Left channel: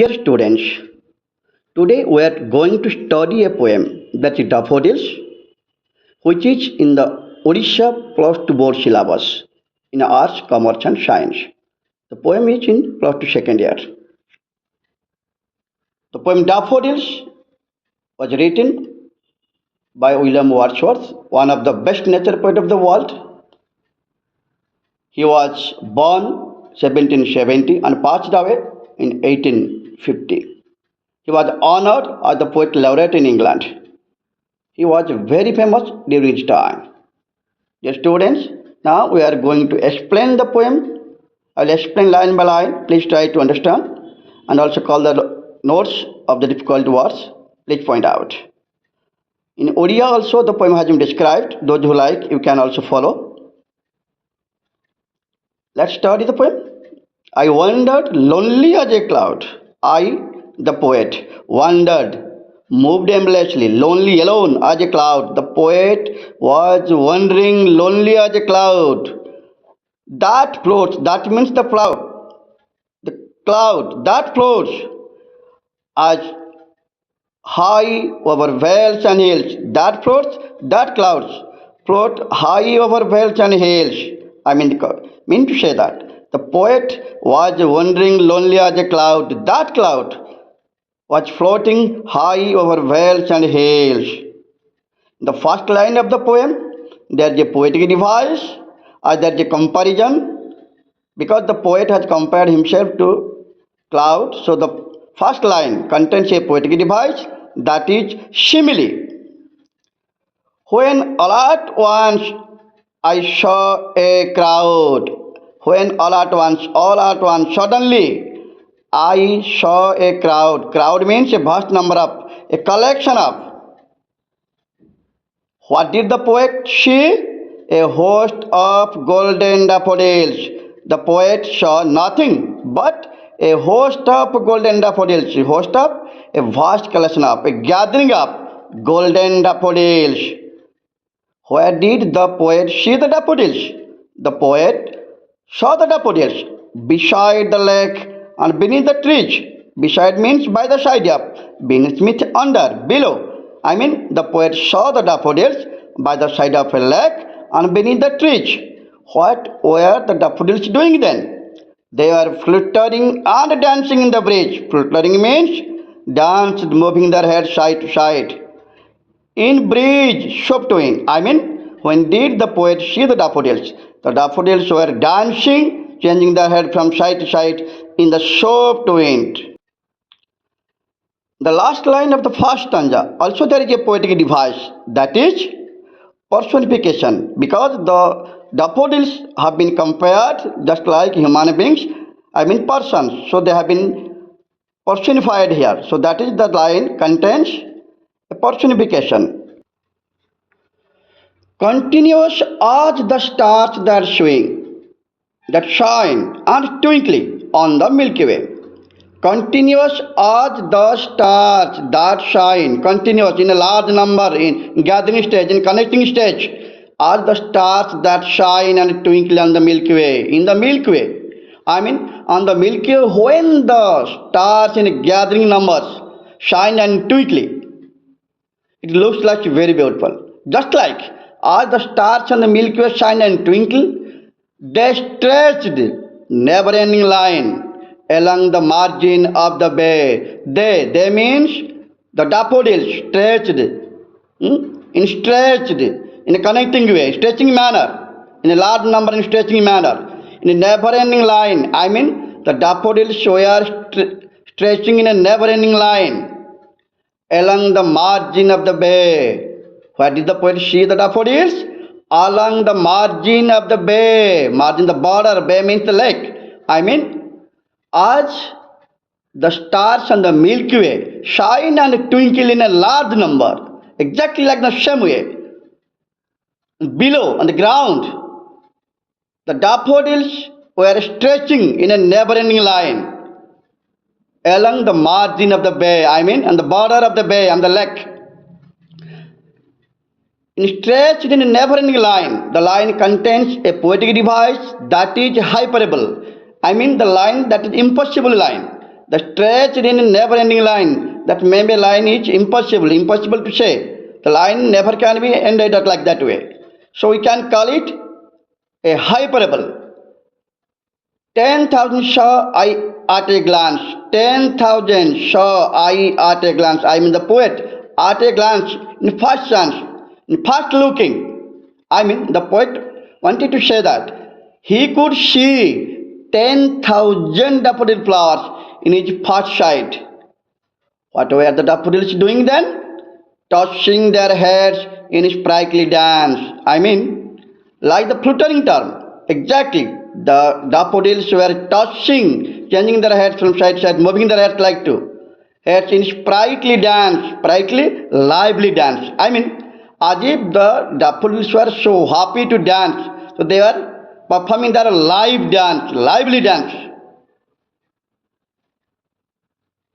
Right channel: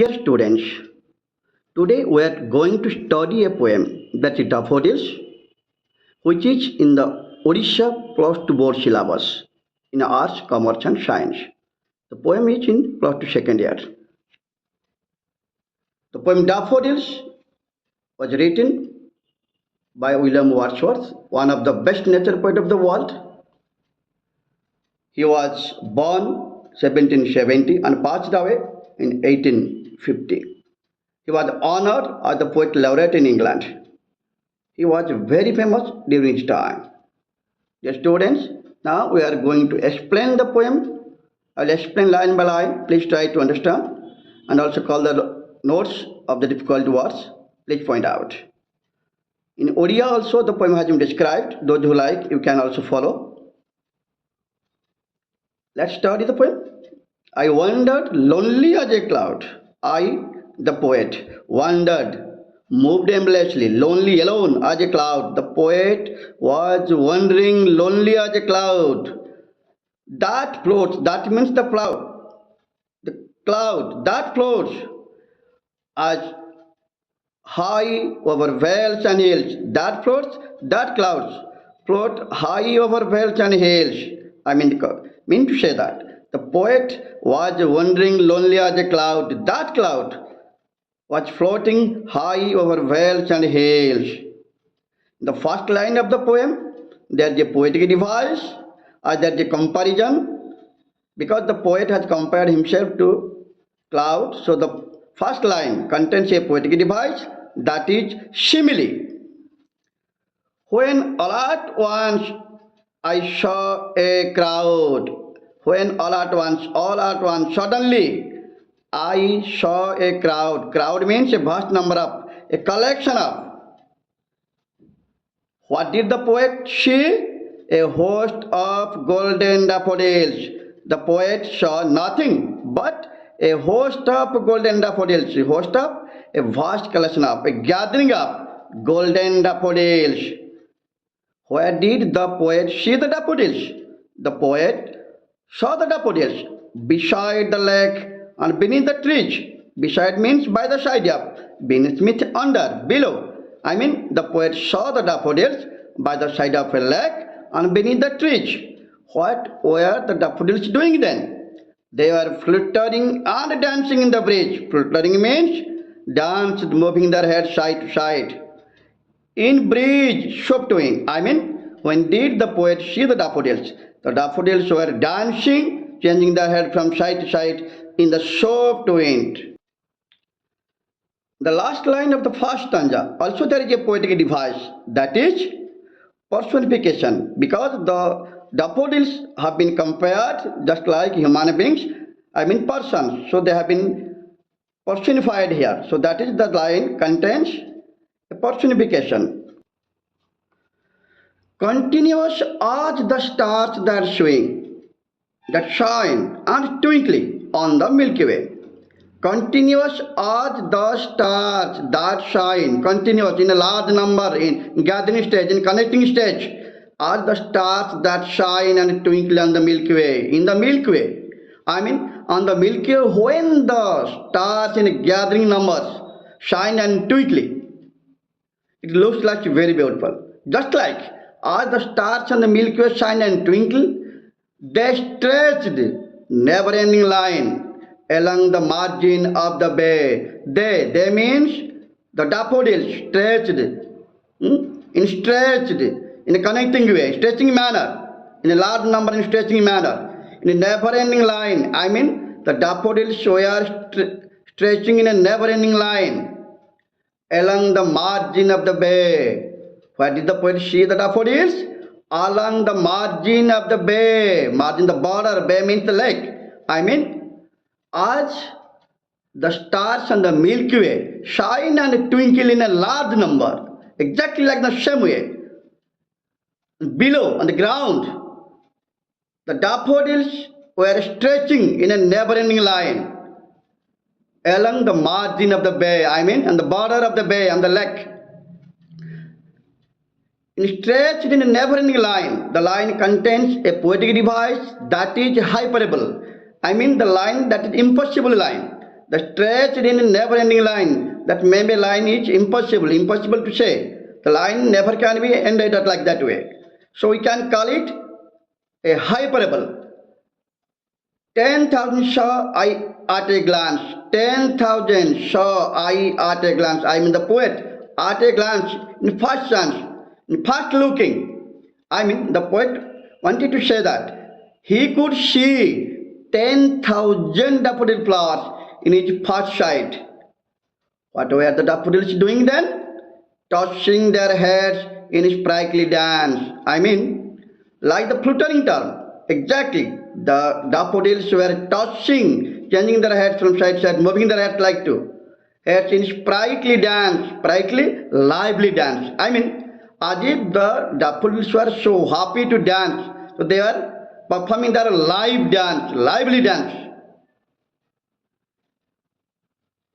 Dear students, today we are going to study a poem that is Daffodils, which is in the Odisha Plus 2 board syllabus in Arts, Commerce and Science. The poem is in Plus 2 second year. The poem Daffodils was written by William Wordsworth, one of the best nature poet of the world. He was born 1770 and passed away in 1850. He was honored as the poet laureate in England. He was very famous during his time. Dear students, now we are going to explain the poem. I will explain line by line. Please try to understand and also call the notes of the difficult words. Please point out. In Odia also the poem has been described. Those who like, you can also follow. Let's study the poem. I wandered lonely as a cloud. I, the poet, wandered, moved aimlessly, lonely, alone as a cloud. The poet was wandering lonely as a cloud. That floats, that means the cloud. The cloud that floats as high over vales and hills. That floats, that clouds float high over vales and hills. Mean to say that the poet was wandering lonely as a cloud. That cloud was floating high over vales and hills. The first line of the poem, there is a poetic device, or there is a comparison, because the poet has compared himself to cloud. So the first line contains a poetic device, that is simile. When all at once I saw a crowd. When all at once, suddenly I saw a crowd. Crowd means a vast number of, a collection of. What did the poet see? A host of golden daffodils. The poet saw nothing but a host of golden daffodils. A host of, a vast collection of, a gathering of golden daffodils. Where did the poet see the daffodils? The poet saw the daffodils beside the lake and beneath the trees. Beside means by the side of, beneath means under, below. The poet saw the daffodils by the side of a lake and beneath the trees. What were the daffodils doing then? They were fluttering and dancing in the breeze. Fluttering means danced, moving their heads side to side. In breeze, shop to wind. When did the poet see the daffodils? The daffodils were dancing, changing their head from side to side in the shop to wind. The last line of the first stanza, also there is a poetic device, that is personification, because the daffodils have been compared just like human beings, persons, so they have been personified here. So that is the line contains a personification. Continuous as the stars that swing, that shine and twinkling on the Milky Way. Continuous as the stars that shine, continuous in a large number, in gathering stage, in connecting stage, as the stars that shine and twinkle on the Milky Way. In the Milky Way, on the Milky Way, when the stars in gathering numbers shine and twinkling, it looks like very beautiful. Just like as the stars on the Milky Way shine and twinkle, they stretched never-ending line along the margin of the bay. They means the daffodils stretched, in a connecting way, stretching manner, in a large number in stretching manner, in a never-ending line. The daffodils were stretching in a never-ending line along the margin of the bay. Where did the poet see the daffodils? Along the margin of the bay. Margin, the border, bay means the lake. As the stars on the Milky Way shine and twinkle in a large number, exactly like the same way. Below, on the ground, the daffodils were stretching in a never-ending line along the margin of the bay, on the border of the bay, on the lake. Stretched in a never-ending line. The line contains a poetic device, that is hyperbole. The line that is impossible line. the stretched in a never-ending line. That maybe line is impossible to say. The line never can be ended up like that way. So we can call it a hyperbole. 10,000 saw I at a glance. 10,000 saw I at a glance. I mean the poet at a glance, in first glance, in first looking. I mean the poet wanted to say that he could see 10,000 daffodil flowers in his first sight. What were the daffodils doing then? Tossing their heads in a sprightly dance. I mean, like the fluttering term. Exactly. The daffodils were tossing, changing their heads from side to side, moving their heads like to. Heads in sprightly dance, sprightly, lively dance. I mean, as if the daffodils were so happy to dance, so they were performing their live dance, lively dance.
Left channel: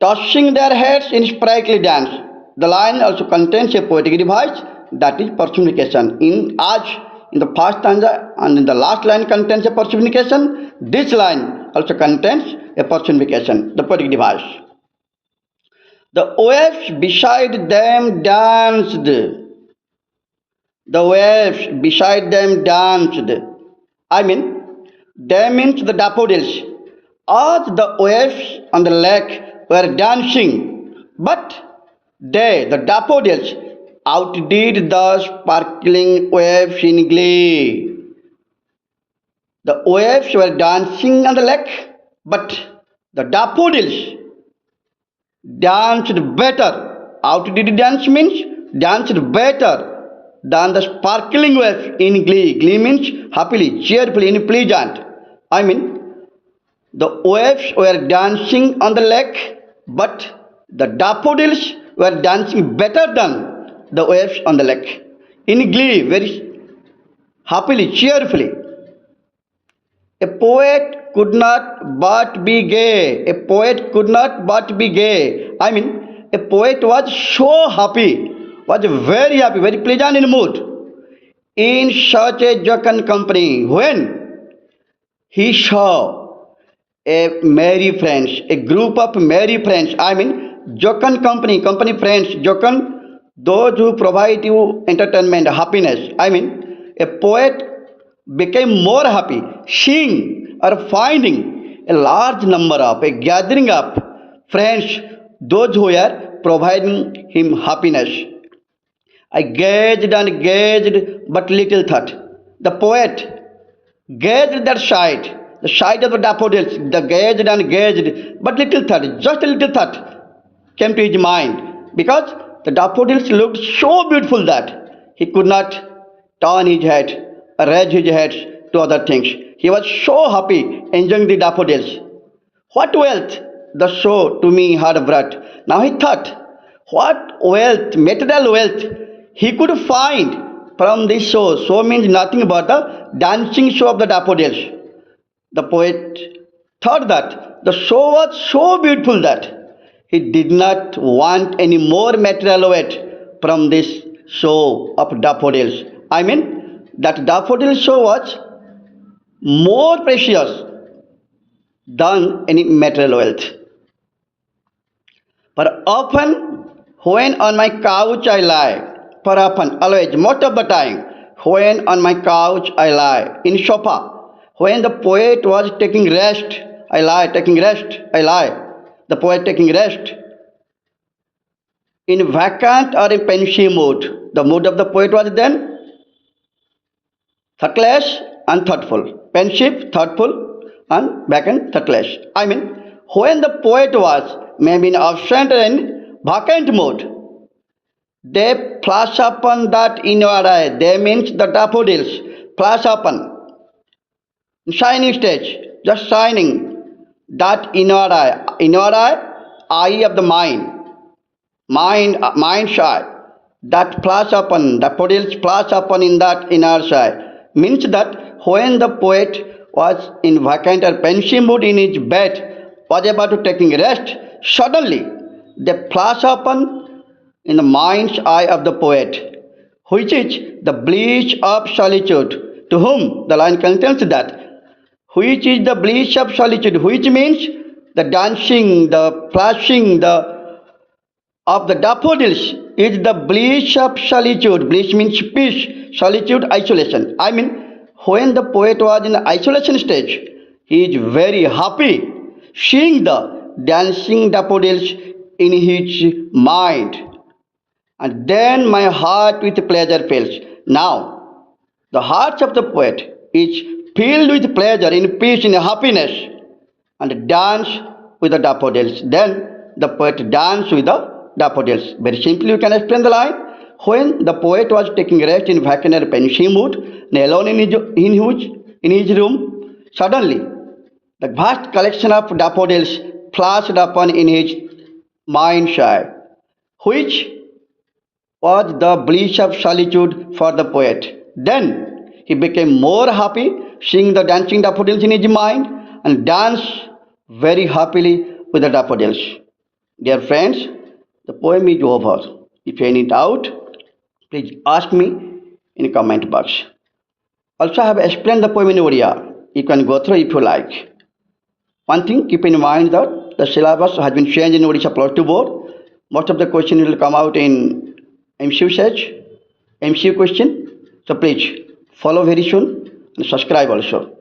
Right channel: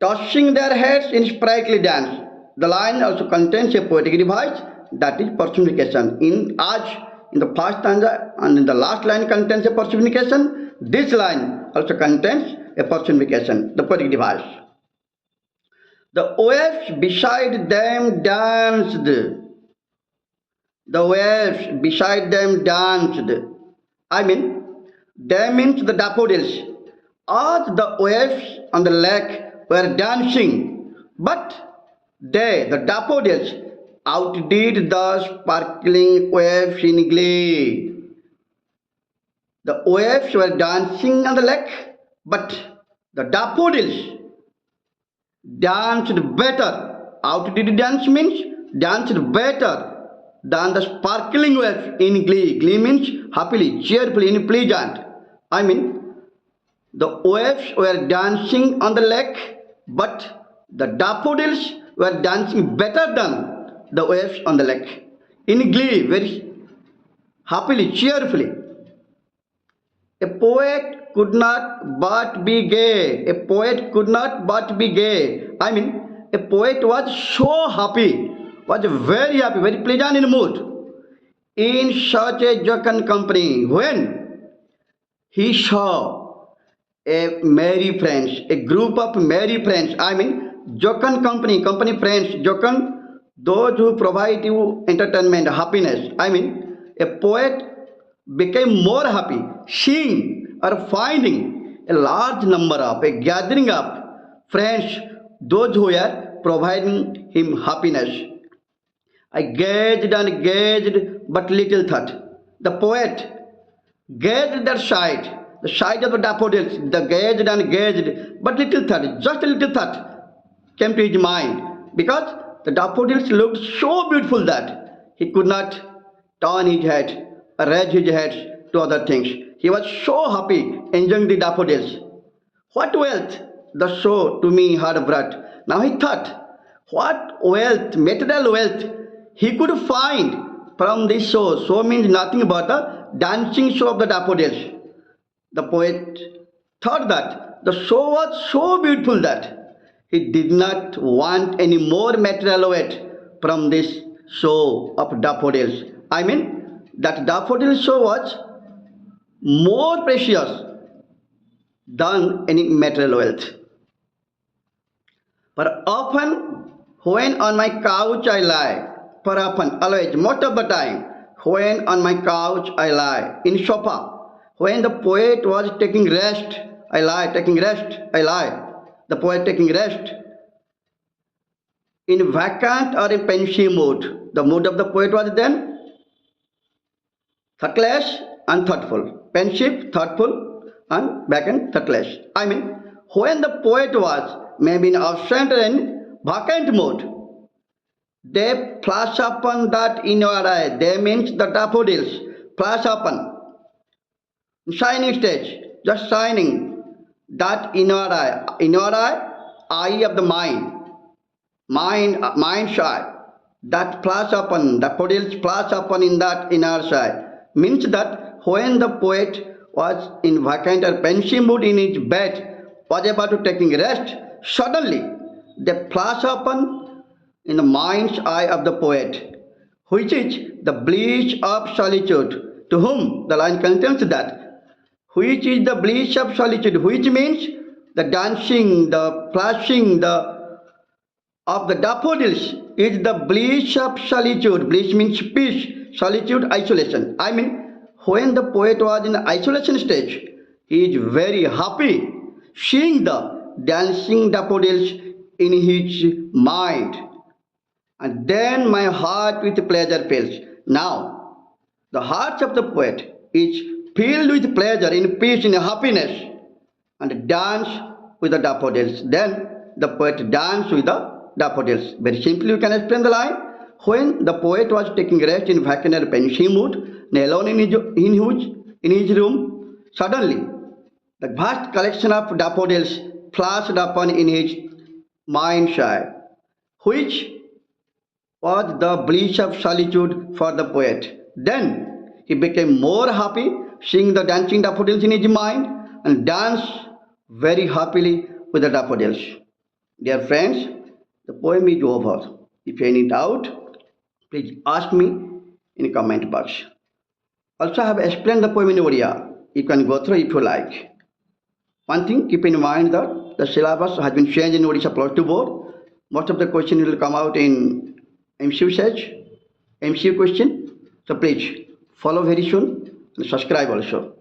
Tossing their heads in sprightly dance. The line also contains a poetic device, that is personification. In the first stanza and in the last line contains a personification, this line also contains a personification, the poetic device. The waves beside them danced. The waves beside them danced. I mean, they means the daffodils. As the waves on the lake were dancing, but they, the daffodils, outdid the sparkling waves in glee. The waves were dancing on the lake, but the daffodils danced better. Outdid dance means danced better than the sparkling waves in glee. Glee means happily, cheerfully, pleasant. I mean, the waves were dancing on the lake, but the daffodils were dancing better than the waves on the lake. In glee, very happily, cheerfully. A poet could not but be gay. A poet could not but be gay. I mean, a poet was so happy, was very happy, very pleasant in mood in such a jocund company when he saw a merry friends, a group of merry friends. I mean, jocund company, company friends, jocund, those who provide you entertainment, happiness. I mean, a poet became more happy seeing or finding a large number of, a gathering of friends, those who were providing him happiness. I gazed and gazed, but little thought. The poet gazed that sight, the sight of the daffodils, the gazed and gazed, but little thought, just a little thought came to his mind, because the daffodils looked so beautiful that he could not turn his head, raise his head to other things. He was so happy enjoying the daffodils. What wealth the show to me had brought. Now he thought, what wealth, material wealth, he could find from this show. Show means nothing but the dancing show of the daffodils. The poet thought that the show was so beautiful that he did not want any more material wealth from this show of daffodils. I mean, that daffodil show was more precious than any material wealth. For often, when on my couch I lie, for often, always, most of the time, when on my couch I lie, in sofa, when the poet was taking rest, I lie, taking rest, I lie. The poet taking rest. In vacant or in pensive mood, the mood of the poet was then thoughtless and thoughtful. Pensive, thoughtful, and vacant, thoughtless. I mean, when the poet was maybe in absent or in vacant mood, they flash upon that in your eye. They means the daffodils flash upon shining stage, just shining that in your eye, eye of the mind's eye, that flash upon, daffodils flash upon in that inner eye, means that when the poet was in vacant or pensive mood in his bed, was about to taking rest, suddenly they flash upon in the mind's eye of the poet, which is the bliss of solitude, to whom the line contains that, which is the bliss of solitude, which means the dancing, the flashing, of the daffodils is the bliss of solitude. Bliss means peace, solitude, isolation. I mean, when the poet was in isolation stage, he is very happy seeing the dancing daffodils in his mind. And then my heart with pleasure fills. Now, the heart of the poet is filled with pleasure, in peace, in happiness, and dance with the daffodils. Then the poet danced with the daffodils. Very simply, you can explain the line. When the poet was taking rest in vacant and pensive mood, and alone in his room, suddenly the vast collection of daffodils flashed upon in his mind's eye, which was the bliss of solitude for the poet. Then he became more happy seeing the dancing daffodils in his mind and danced very happily with the daffodils. Dear friends, the poem is over. If you any doubt, please ask me in comment box. Also, I have explained the poem in Odia. You can go through if you like. One thing, keep in mind that the syllabus has been changed in Odisha Plus 2 board. Most of the questions will come out in MCQ question. So please follow very soon and subscribe also.